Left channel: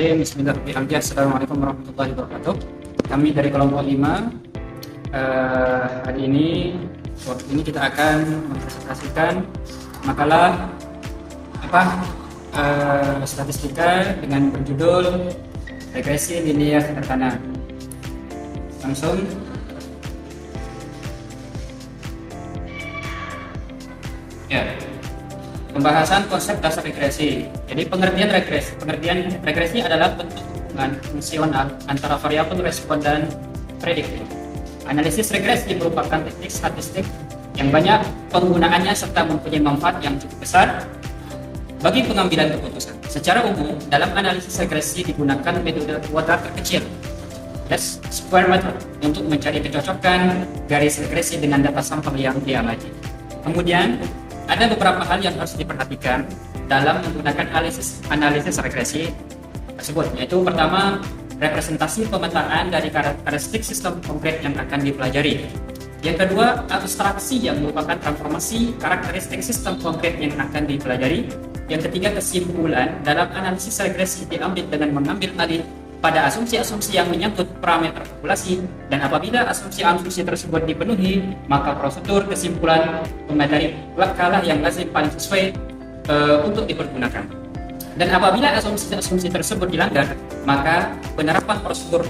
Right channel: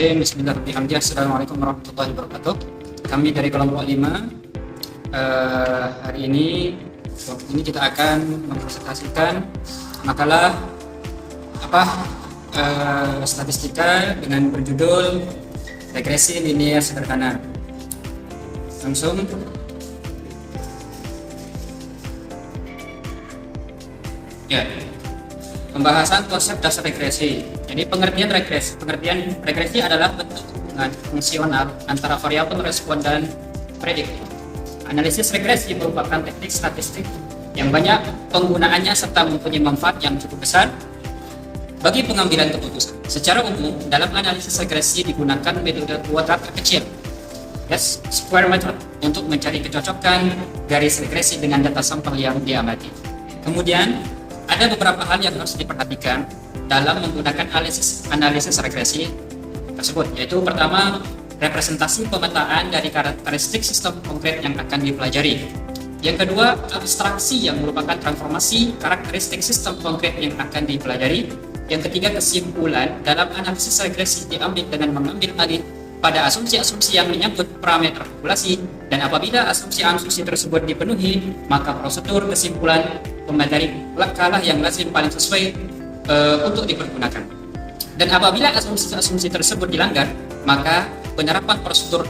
Bismillahirrahmanirrahim. Bismillahirrahmanirrahim. Assalamualaikum warahmatullahi wabarakatuh. Kami dari kelompok 5 hari ini kita akan mempresentasikan makalah statistika dengan berjudul regresi linear sederhana. Langsung ya. Pembahasan konsep dasar regresi. Jadi pengertian regresi adalah bentuk hubungan fungsional antara variabel respon dan prediktor. Analisis regresi merupakan teknik statistik yang banyak penggunaannya serta mempunyai manfaat yang cukup besar bagi pengambilan keputusan. Secara umum, dalam analisis regresi digunakan metode kuadrat terkecil, least square method, untuk mencari kecocokan garis regresi dengan data sampel yang diamati. Kemudian ada beberapa hal yang harus diperhatikan dalam menggunakan analisis regresi tersebut, yaitu pertama, representasi pemetaan dari karakteristik sistem konkret yang akan dipelajari. Yang kedua, abstraksi yang merupakan transformasi karakteristik sistem konkret yang akan dipelajari. Yang ketiga, kesimpulan dalam analisis regresi diambil dengan mengambil alih pada asumsi-asumsi yang menyangkut parameter populasi, dan apabila asumsi-asumsi tersebut dipenuhi, maka prosedur kesimpulan memateri langkah yang lazim paling sesuai untuk dipergunakan. Dan apabila asumsi-asumsi tersebut dilanggar, maka penerapan prosedur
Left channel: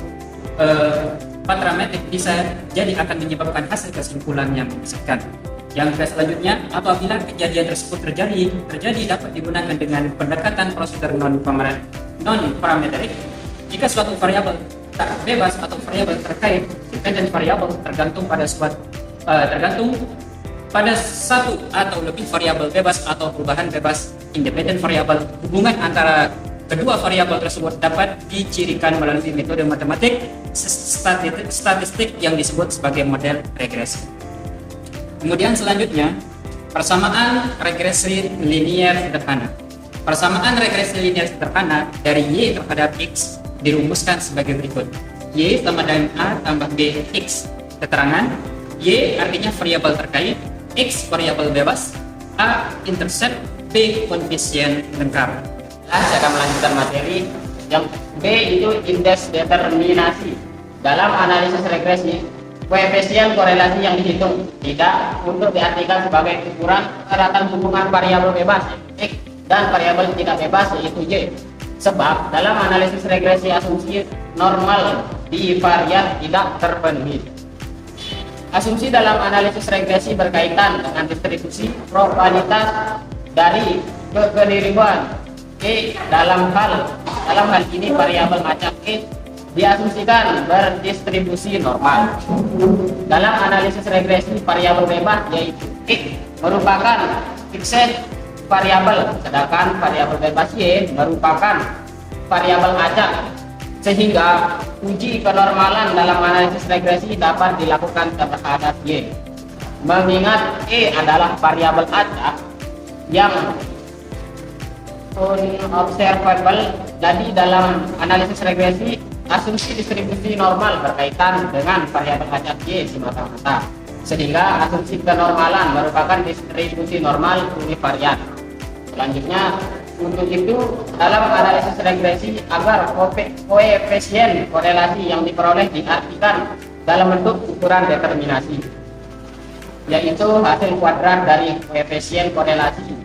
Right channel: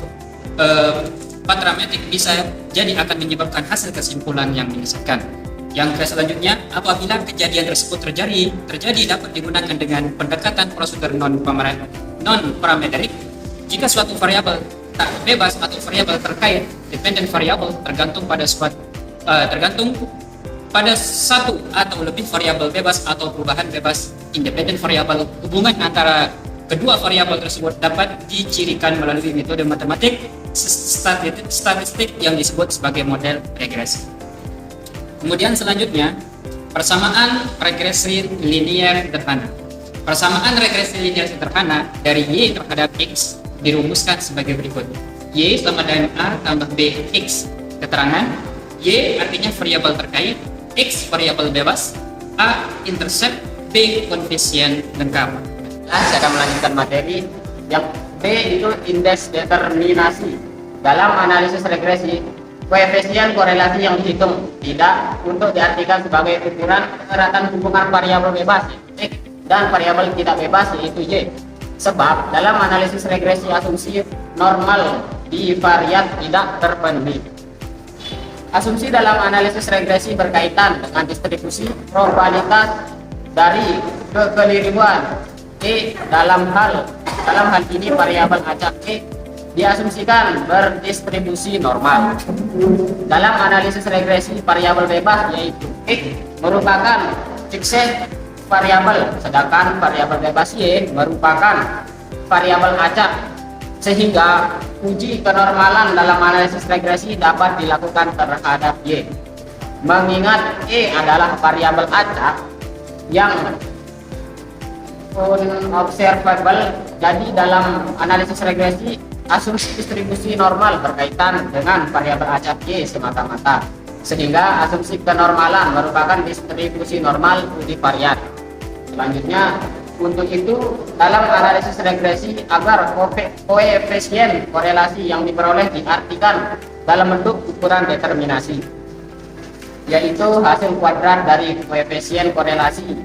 parametrik bisa jadi akan menyebabkan hasil kesimpulan yang dihasilkan. Yang selanjutnya, apabila kejadian tersebut terjadi dapat digunakan dengan pendekatan prosedur non parametrik. Jika suatu variabel tak bebas atau variabel terkait dependent variable tergantung pada satu atau lebih variabel bebas atau perubahan bebas independent variable, hubungan antara kedua variabel tersebut dapat dicirikan melalui metode matematik statistik yang disebut sebagai model regresi. Kemudian selanjutnya, persamaan regresi linear sederhana. Persamaan regresi linear sederhana dari Y terhadap X dirumuskan sebagai berikut. Y sama dengan A tambah B X. Keterangan, Y artinya variabel terkait, X variabel bebas, A intercept, B koefisien lengkap. Saya akan melanjutkan materi yang B itu indeks determinasi. Dalam analisis regresi, koefisien korelasi yang dihitung tidak untuk diartikan sebagai ukuran keratan hubungan variabel bebas X dan variabel tidak bebas yaitu Y. Sebab dalam analisis regresi asumsi normal bivariat tidak terpenuhi. Asumsi dalam analisis regresi berkaitan dengan distribusi probabilitas dari kekeliruan E dalam hal ini variabel acak E diasumsikan berdistribusi normal. Dalam analisis regresi variabel bebas yaitu X merupakan fixed variabel, sedangkan variabel bebas Y merupakan variabel acak, sehingga uji kenormalan dalam analisis regresi dapat dilakukan terhadap Y. Mengingat E adalah variabel acak yang unobservable, jadi dalam analisis regresi asumsi distribusi normal berkaitan dengan variabel acak Y semata-mata, sehingga asumsi kenormalan merupakan distribusi normal univariat. Selanjutnya, untuk itu dalam analisis regresi agar koefisien korelasi yang diperoleh diartikan dalam bentuk ukuran determinasi, yaitu hasil kuadrat dari koefisien korelasi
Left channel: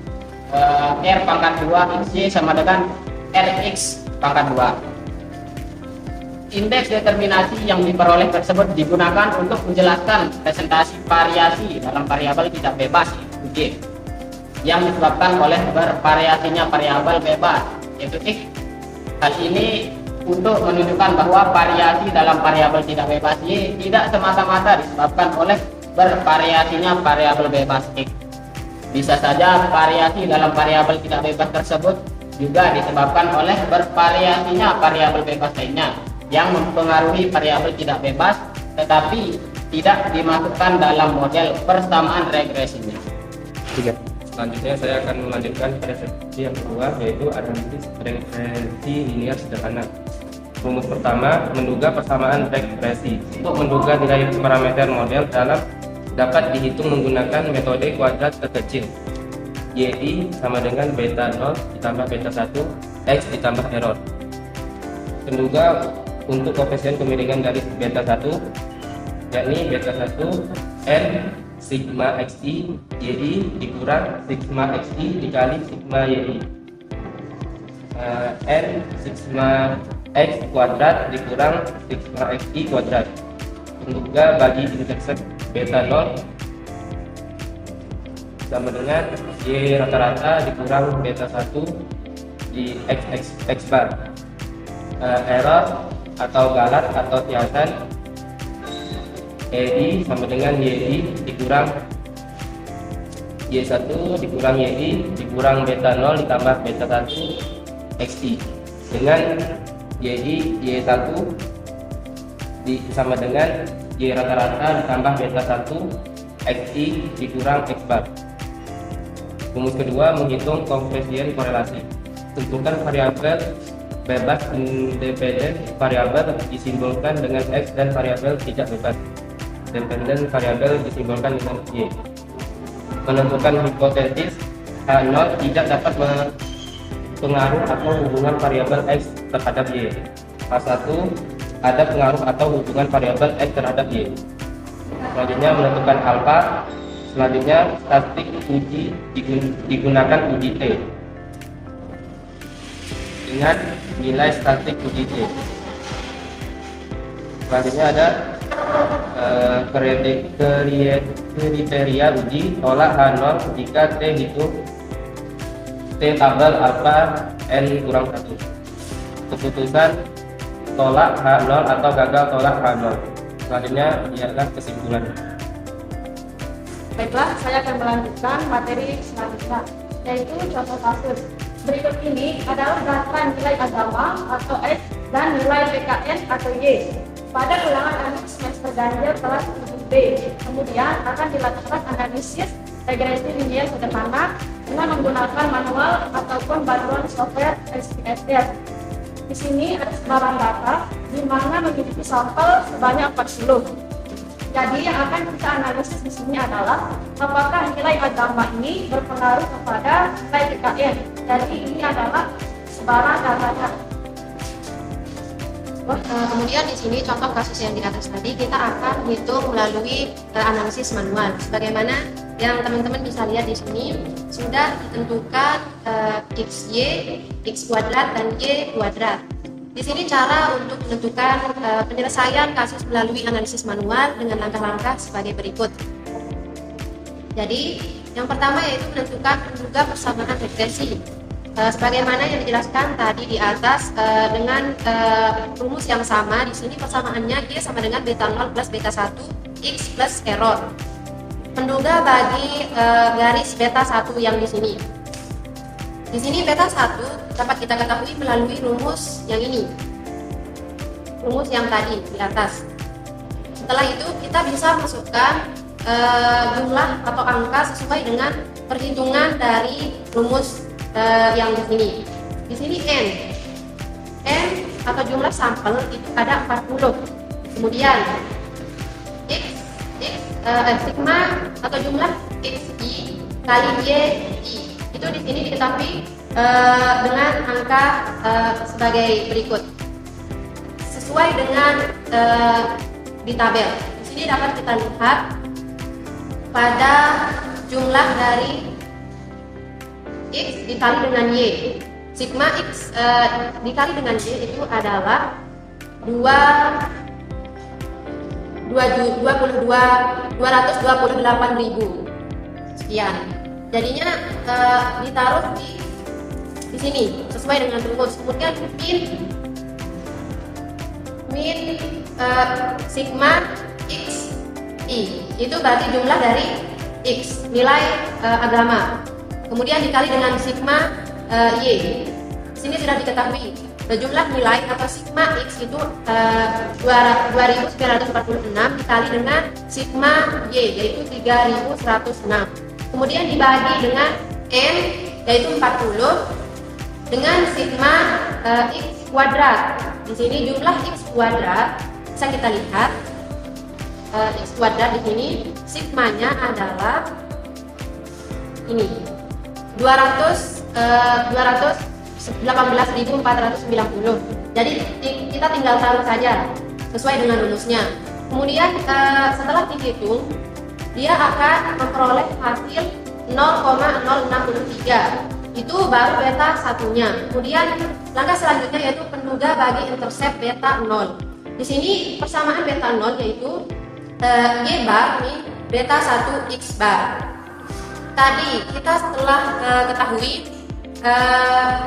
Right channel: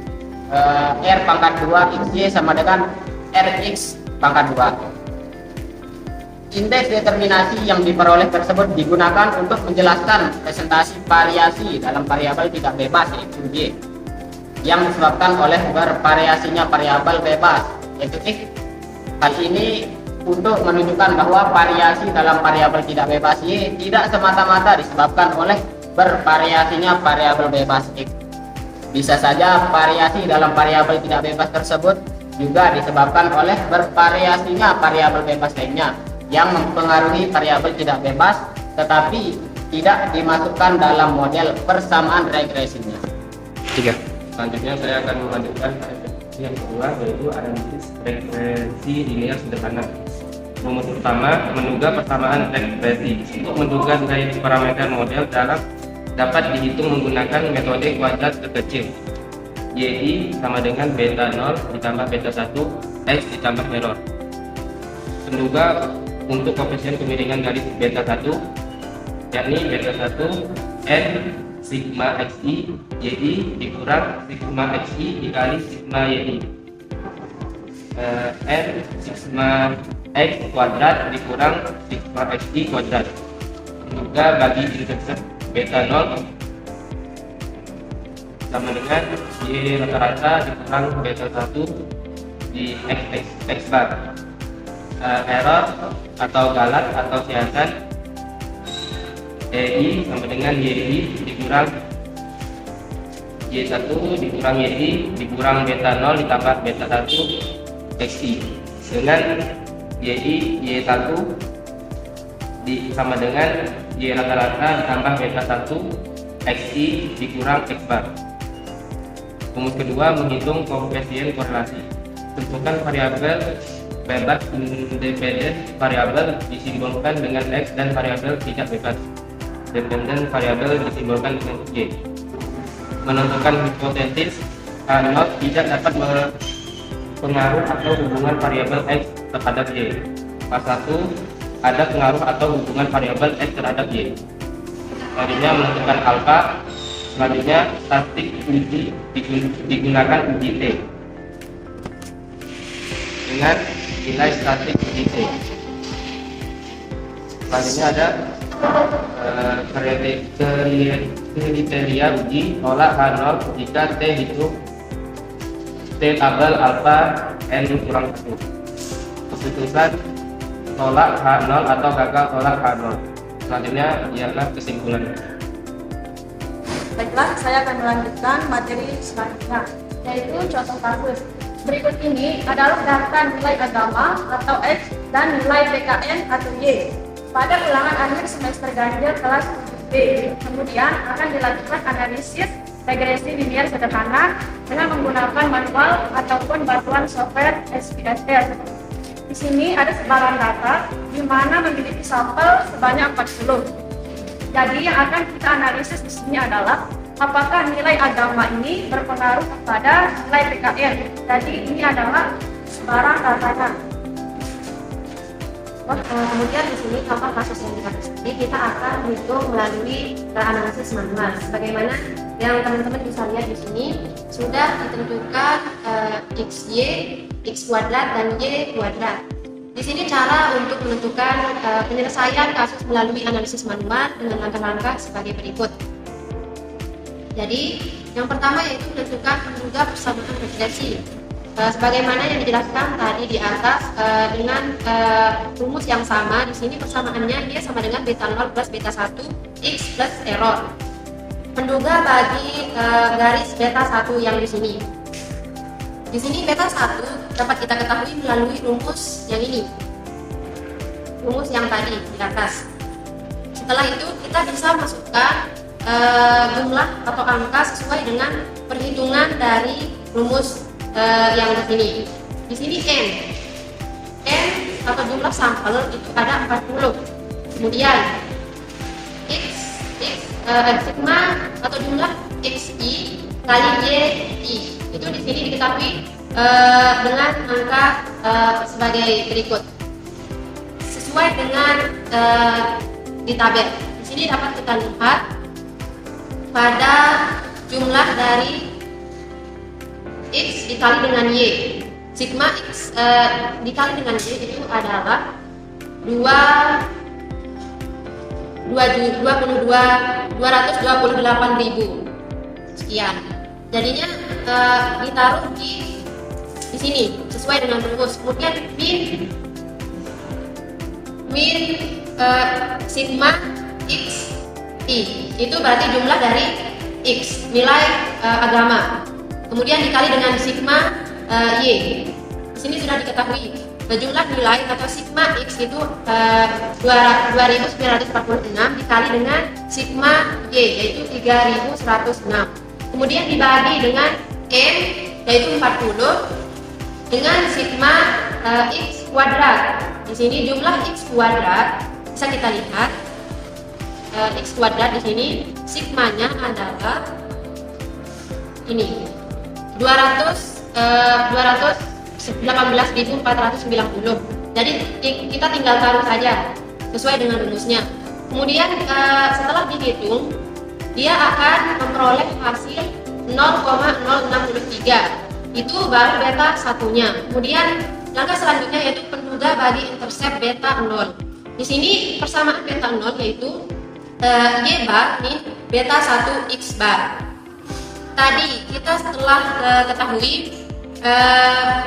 R pangkat 2 XY sama dengan RX pangkat 2. Indeks determinasi yang diperoleh tersebut digunakan untuk menjelaskan presentasi variasi dalam variabel tidak bebas yaitu Y yang disebabkan oleh bervariasinya variabel bebas yaitu X. Hal ini untuk menunjukkan bahwa variasi dalam variabel tidak bebas Y tidak semata-mata disebabkan oleh bervariasinya variabel bebas X. Bisa saja variasi dalam variabel tidak bebas tersebut juga disebabkan oleh bervariasinya variabel bebas lainnya yang mempengaruhi variabel tidak bebas tetapi tidak dimasukkan dalam model persamaan regresinya. 3. Selanjutnya saya akan melanjutkan regresi yang kedua, yaitu analisis regresi linear sederhana. Rumus pertama, menduga persamaan regresi. Untuk menduga nilai parameter model dapat dihitung menggunakan metode kuadrat terkecil. Y sama dengan beta 0 ditambah beta 1 X ditambah error. Penduga untuk koefisien kemiringan garis beta 1 yakni beta 1 N sigma XI YI dikurang sigma XI dikali sigma YI. N sigma X kuadrat dikurang sigma XI kuadrat. Penduga bagi intercept beta 0 sama dengan Y rata-rata dikurang beta 1 di X bar. Error atau galat atau siasat EI sama dengan YI dikurang Y1 dikurang YI dikurang beta 0 ditambah beta 1 XI dengan YI Y1 sama dengan Y rata-rata ditambah beta 1 XI dikurang X bar. Rumus kedua, menghitung koefisien korelasi. Tentukan variabel bebas independen variabel disimbolkan dengan X dan variabel tidak bebas dependen variabel disimbolkan dengan Y. Menentukan hipotesis H0 tidak dapat pengaruh atau hubungan variabel X terhadap Y. K1 ada pengaruh atau hubungan variabel X terhadap Y. Selanjutnya menentukan alfa. Selanjutnya statistik uji digunakan uji T dengan nilai statistik uji T. Selanjutnya ada kriteria uji tolak H0 jika T itu T tabel alfa N kurang 1. Keputusan tolak H0 atau gagal tolak H0. Selanjutnya ialah kesimpulan. Baiklah, saya akan melanjutkan materi selanjutnya, yaitu contoh kasus. Berikut ini adalah data nilai agama atau X dan nilai PKN atau Y pada ulangan akhir semester ganjil kelas 7B. Kemudian akan dilakukan analisis regresi linear sederhana dengan menggunakan manual ataupun bantuan software SPSS. Di sini ada sebaran data di mana memiliki sampel sebanyak 40. Jadi yang akan kita analisis di sini adalah apakah nilai agama ini berpengaruh kepada nilai PKN. Jadi ini adalah sebaran datanya. Kemudian di sini contoh kasus yang di atas tadi kita akan hitung melalui analisis manual. Sebagaimana yang teman-teman bisa lihat di sini sudah ditentukan XY, X kuadrat dan Y kuadrat. Di sini cara untuk menentukan penyelesaian kasus melalui analisis manual dengan langkah-langkah sebagai berikut. Jadi yang pertama yaitu menentukan penduga persamaan regresi. Sebagaimana yang dijelaskan tadi di atas dengan rumus yang sama, di sini persamaannya Y sama dengan beta 0 plus beta 1 X plus error. Penduga bagi garis beta 1 yang di sini. Di sini beta 1 dapat kita ketahui melalui rumus yang ini. Rumus yang tadi di atas. Setelah itu kita bisa masukkan jumlah atau angka sesuai dengan perhitungan dari rumus yang di sini. Di sini N atau jumlah sampel itu ada 40. Kemudian sigma atau jumlah XI kali YI itu di sini diketahui dengan angka sebagai berikut. Sesuai dengan di tabel. Di sini dapat kita lihat pada jumlah dari X dikali dengan Y. Sigma X dikali dengan Y itu adalah 228.000 sekian. Jadinya ditaruh di sini sesuai dengan rumus. Kemudian min sigma X I itu berarti jumlah dari X nilai agama. Kemudian dikali dengan sigma Y. Di sini sudah diketahui jumlah nilai atau sigma X itu 2946 dikali dengan sigma Y yaitu 3106. Kemudian dibagi dengan N yaitu 40 dengan sigma X kuadrat. Di sini jumlah X kuadrat bisa kita lihat X kuadrat di sini sigmanya adalah ini 218.490. Jadi kita tinggal taruh saja sesuai dengan rumusnya. Kemudian setelah dihitung, dia akan memperoleh hasil 0,063. Itu baru beta satunya. Kemudian langkah selanjutnya yaitu penduga bagi intercept beta 0. Di sini persamaan beta 0 yaitu Y bar min beta 1 X bar. Tadi kita setelah ketahui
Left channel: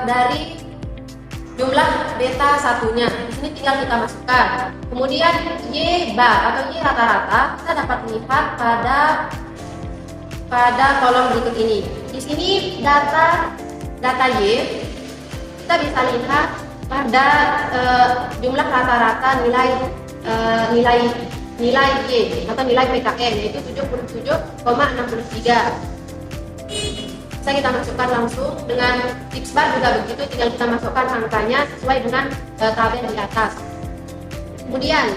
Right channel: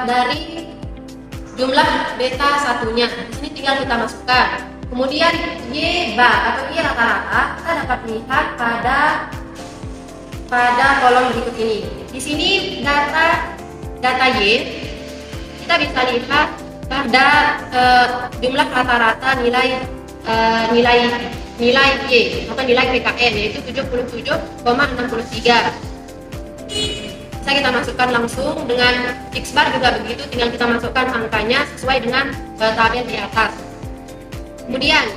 dari jumlah beta satunya, di sini tinggal kita masukkan. Kemudian Y bar atau Y rata-rata kita dapat lihat pada kolom berikut ini. Di sini data Y kita bisa lihat pada jumlah rata-rata nilai Y atau nilai PKN yaitu 77,63. Bisa kita masukkan langsung dengan X bar juga begitu, tinggal kita masukkan angkanya sesuai dengan tabel di atas. Kemudian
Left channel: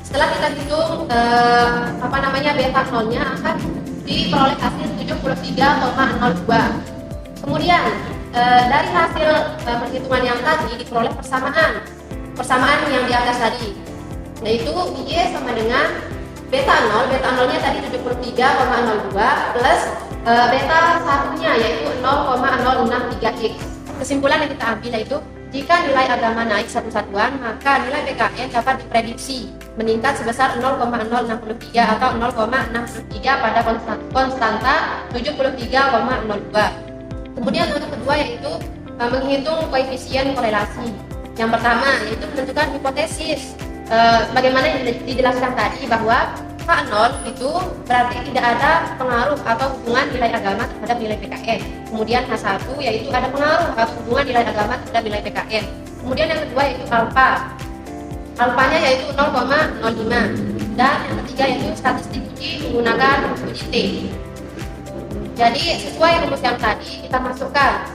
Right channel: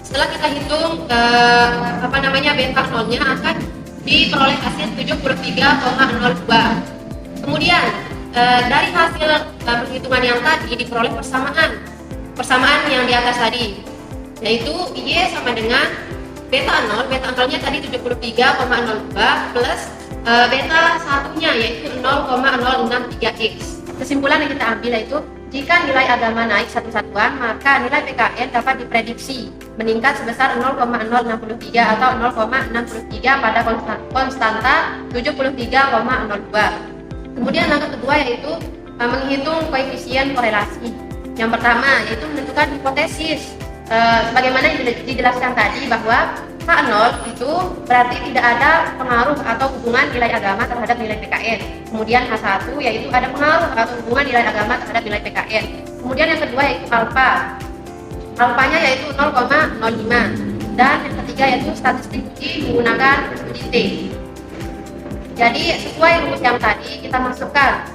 setelah kita hitung beta nolnya akan diperoleh hasil 73,02. Kemudian dari hasil perhitungan yang tadi diperoleh persamaan yang di atas tadi, yaitu Y sama dengan beta 0, beta 0 nya tadi 73,02 plus beta satunya yaitu 0,063x. Kesimpulan yang kita ambil yaitu jika nilai agama naik satu satuan, maka nilai PKN dapat diprediksi meningkat sebesar 0,063 atau 0,63 pada konstanta 73,02. Kemudian langkah kedua yaitu menghitung koefisien korelasi. Yang pertama yaitu menentukan hipotesis. Sebagaimana yang dijelaskan tadi bahwa H0 itu berarti tidak ada pengaruh atau hubungan nilai agama terhadap nilai PKN. Kemudian H1 yaitu ada pengaruh atau hubungan nilai agama terhadap nilai PKN. Kemudian yang kedua yaitu alfa. Alfanya yaitu 0,05. Dan yang ketiga yaitu statistik uji menggunakan uji T. Jadi sesuai rumus yang tadi kita masukkan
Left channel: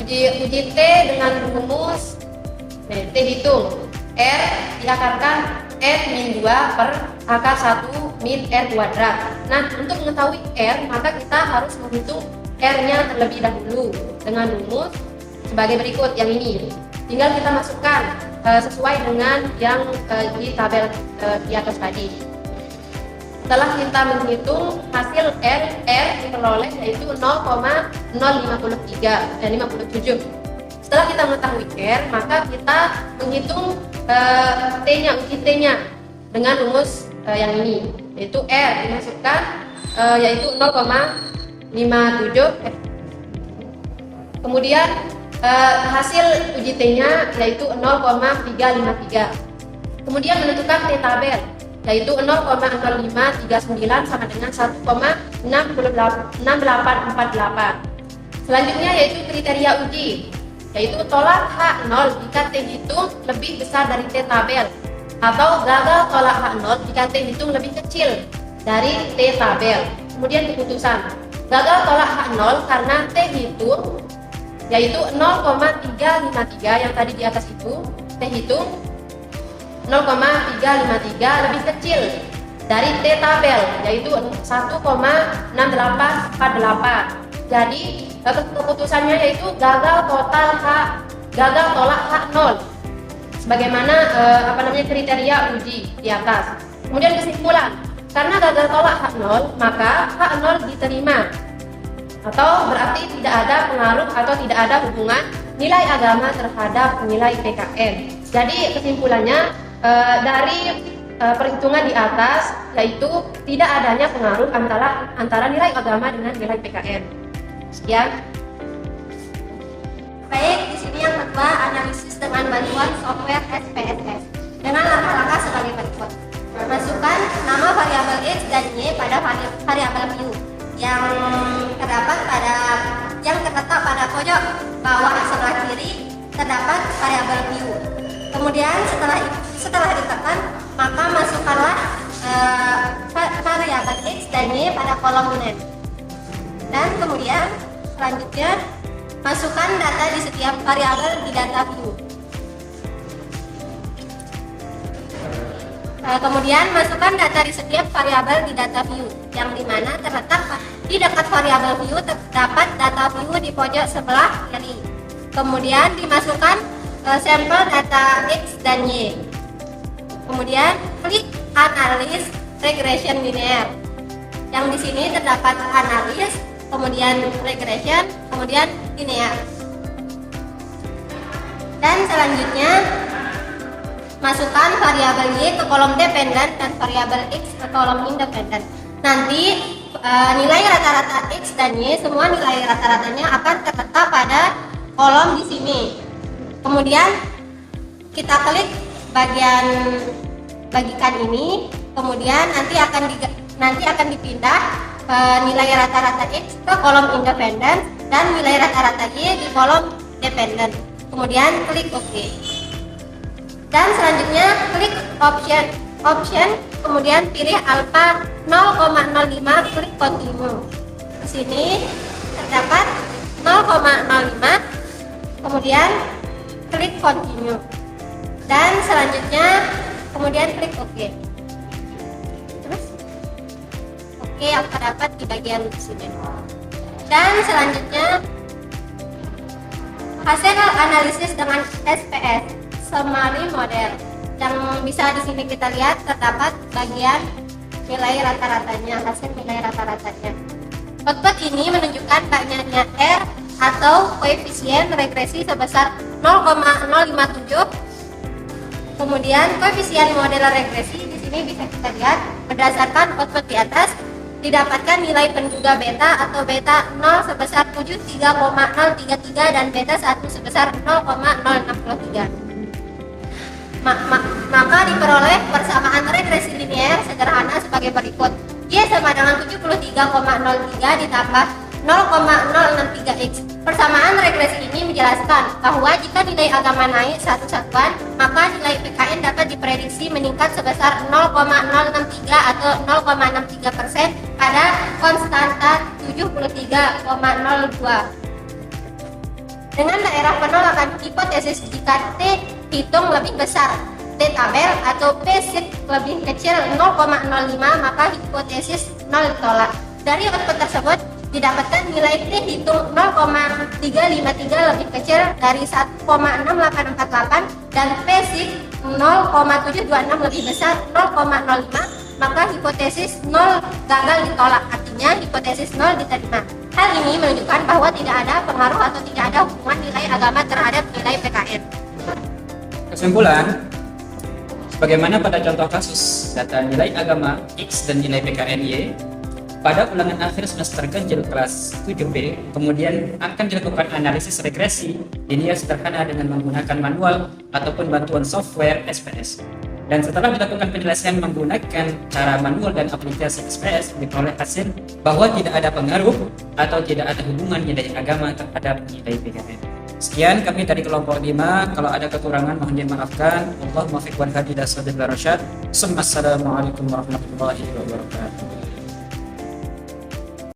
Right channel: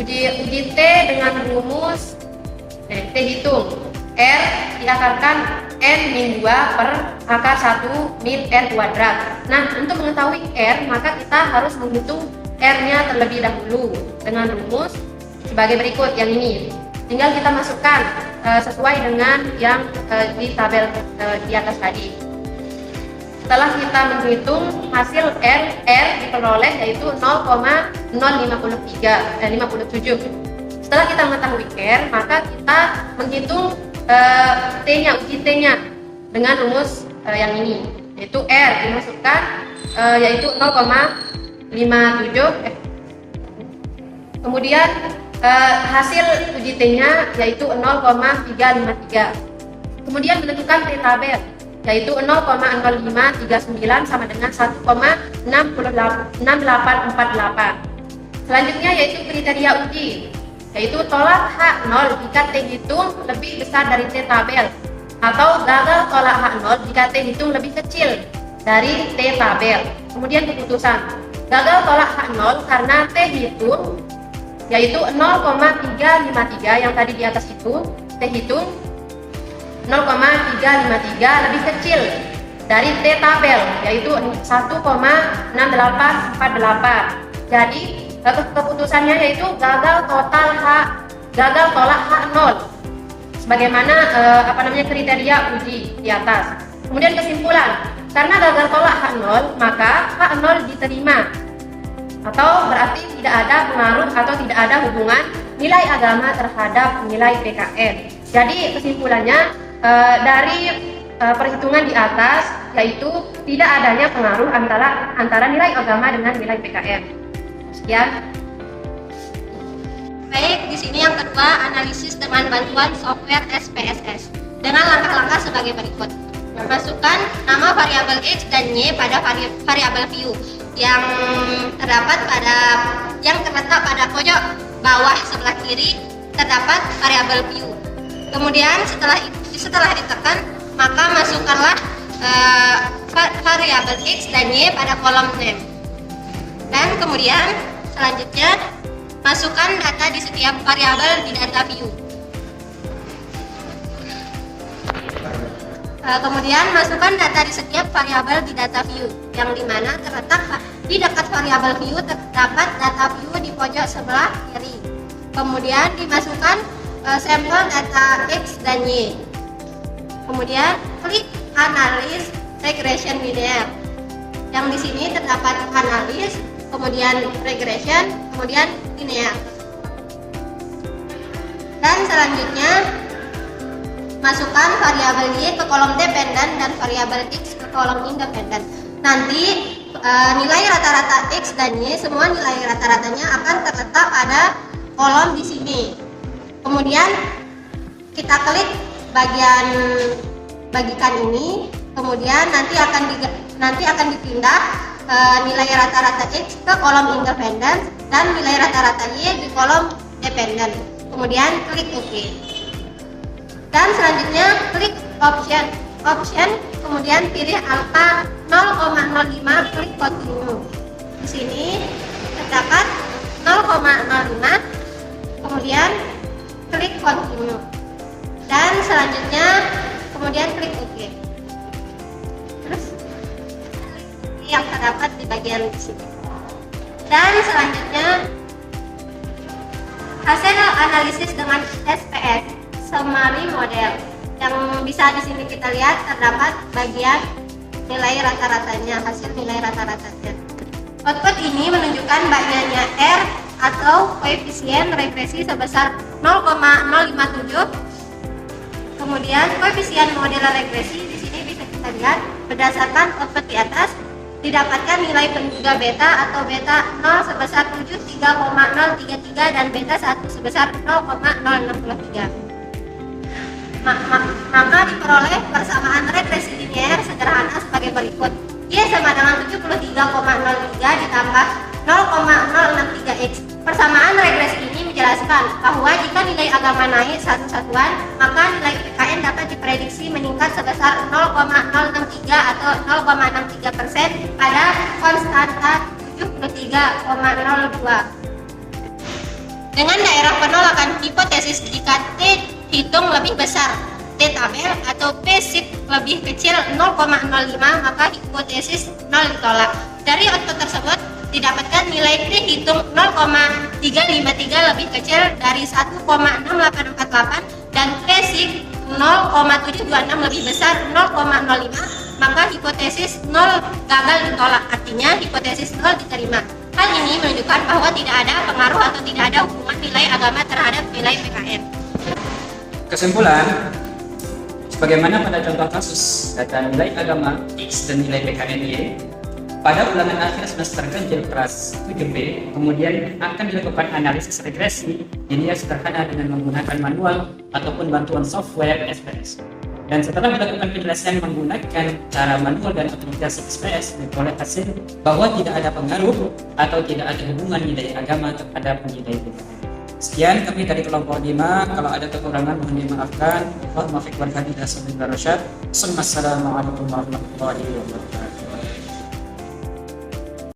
uji T dengan rumus T hitung R diakarkan N min 2 per akar 1 min R kuadrat. Nah, untuk mengetahui R, maka kita harus menghitung R-nya terlebih dahulu dengan rumus sebagai berikut yang ini. Tinggal kita masukkan sesuai dengan yang di tabel di atas tadi. Setelah kita menghitung hasil R diperoleh yaitu 0,057. Setelah kita mengetahui R, maka kita menghitung uji T-nya dengan rumus yang ini, yaitu R dimasukkan yaitu 0,57. Kemudian hasil uji T-nya yaitu 0,353. Kemudian menentukan T tabel yaitu 0,0539 sama dengan 1,6848. Selanjutnya yaitu kriteria uji, yaitu tolak H0 jika T hitung lebih besar dari T tabel, atau gagal tolak H0 jika T hitung lebih kecil dari T tabel. Kemudian keputusan gagal tolak H0 karena T hitung yaitu 0,353 yang tadi di atas itu, T hitung 0,353 lebih kecil dari T tabel yaitu 1,6848. Jadi keputusannya yaitu gagal tolak H0 sebagaimana kriteria uji di atas. Kemudian kesimpulan, karena gagal tolak H0 maka H0 diterima atau berarti tidak ada pengaruh atau tidak ada hubungan nilai agama terhadap nilai PKN. Jadi kesimpulannya dari perhitungan di atas yaitu tidak adanya pengaruh antara nilai agama dengan nilai PKN. Sekian. Baik, di sini yang kedua analisis dengan bantuan software SPSS dengan langkah-langkah sebagai berikut. Masukkan nama variabel X dan Y pada variabel view yang terletak pada pojok bawah sebelah kiri terdapat variabel view. Kemudian setelah ditekan maka masukkanlah variabel X dan Y pada kolom name. Dan kemudian selanjutnya masukkan data di setiap variabel di data view. Kemudian masukkan data di setiap variabel di data view, yang dimana terletak di dekat variabel view terdapat data view di pojok sebelah kiri. Kemudian dimasukkan sampel data X dan Y. Kemudian klik analis regression linear. Yang di sini terdapat analis, kemudian regression, kemudian linear. Dan selanjutnya masukkan variabel Y ke kolom dependen dan variabel X ke kolom independen. Nanti nilai rata-rata X dan Y, semua nilai rata-ratanya akan terletak pada kolom di sini. Kemudian kita klik bagian bagikan ini, kemudian nanti akan dipindah nilai rata-rata X ke kolom independen dan nilai rata-rata Y di kolom dependen. Kemudian klik OK. Dan selanjutnya klik option, kemudian pilih angka 0,05, klik continue. Di sini terdapat 0,05, kemudian klik continue. Dan selanjutnya kemudian klik OK. Terus OK yang terdapat di bagian sini. Dan selanjutnya hasil analisis dengan SPS summary model. Yang bisa di sini kita lihat terdapat bagian nilai rata-ratanya, hasil nilai rata-ratanya. Output ini menunjukkan banyaknya R atau koefisien regresi sebesar 0,057. Kemudian koefisien model regresi di sini bisa kita lihat berdasarkan output di atas didapatkan nilai penduga beta atau beta 0 sebesar 73,033 dan beta 1 sebesar 0,063. Maka diperoleh persamaan regresi linear sederhana sebagai berikut. Y sama dengan 73,03 ditambah 0,063x. Persamaan regresi ini menjelaskan bahwa jika nilai agama naik satu satuan, maka nilai PKN dapat diprediksi meningkat sebesar 0,063 atau 0,63% pada konstanta 73,02. Dengan daerah penolakan hipotesis jika T hitung lebih besar T tabel atau P sig lebih kecil 0,05, maka hipotesis 0 ditolak. Dari output tersebut didapatkan nilai T hitung 0,353 lebih kecil dari 1,6848 dan P sig 0,726 lebih besar 0,05, maka hipotesis 0 gagal ditolak, artinya hipotesis 0 diterima. Hal ini menunjukkan bahwa tidak ada pengaruh atau tidak ada hubungan nilai agama terhadap nilai PKN. Kesimpulan, sebagaimana pada contoh kasus data nilai agama X dan nilai PKN Y, pada ulangan akhir semester ganjil kelas 7B, kemudian akan dilakukan analisis regresi linear sederhana dengan menggunakan manual ataupun bantuan software SPS. Dan setelah dilakukan penjelasan menggunakan cara manual dan aplikasi SPS, diperoleh hasil bahwa tidak ada pengaruh atau tidak ada hubungan nilai agama terhadap nilai PKN. Sekian kami dari kelompok 5. Kalau ada kekurangan mohon dimaafkan. Allahumma fiq wal hadi ila sabilir rasyad. Assalamualaikum warahmatullahi wabarakatuh.